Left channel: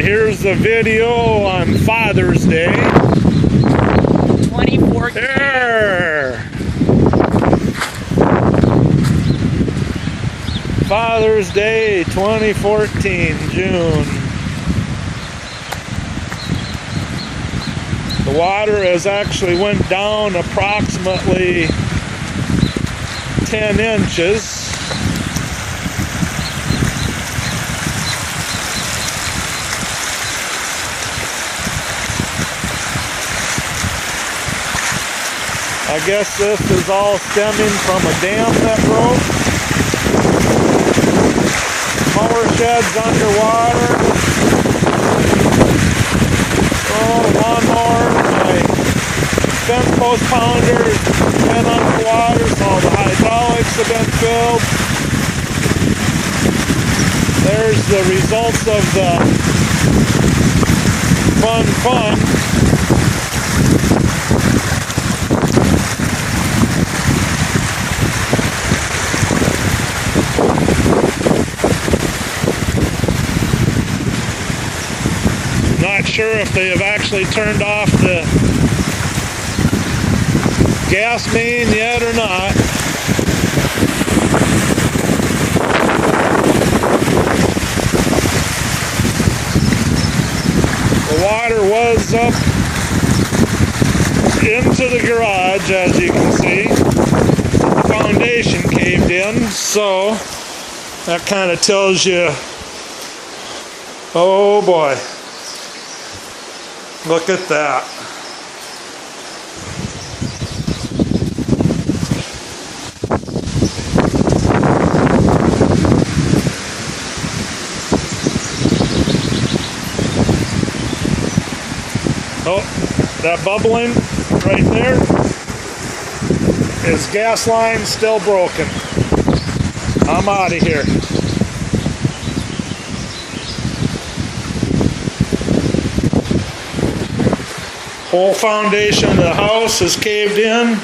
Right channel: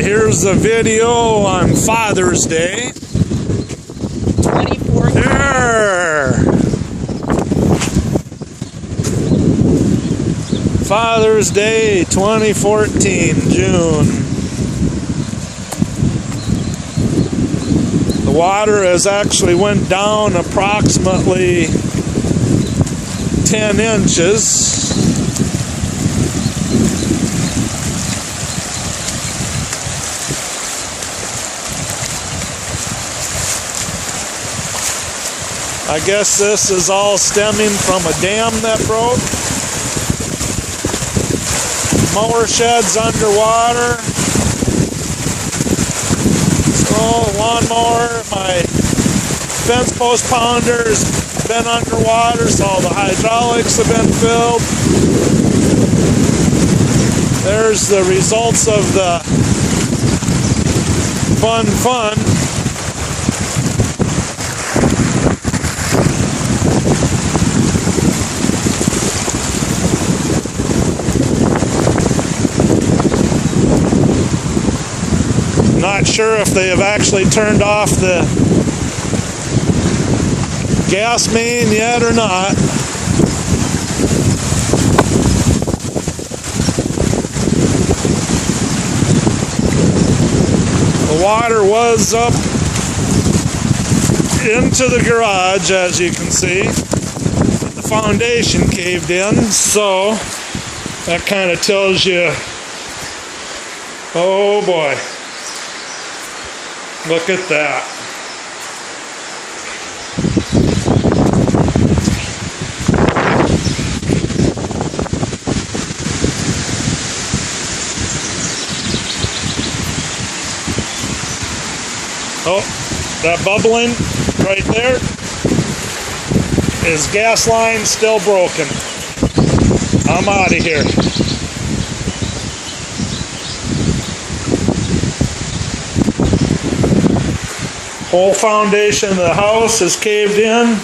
Here's a video on Father's Day. 24. There. Father's Day 2014, June. The water has actually went down approximately 10 inches. I guess this is all stemming from a dam that broke. Mower shed's underwater. So lawnmower, my fence post pounder's been underwater, so the hydraulics have been filled. There's the results of the fun. Not sure if they have actually turned off the gas main yet or not. The water was up into the garage, as you can see. The foundation caved in, so that kind of tells you, oh boy. Look at that. Oh, that bubbling right there is gas line still broken. I'm out of here. Whole foundation of the house is caved in.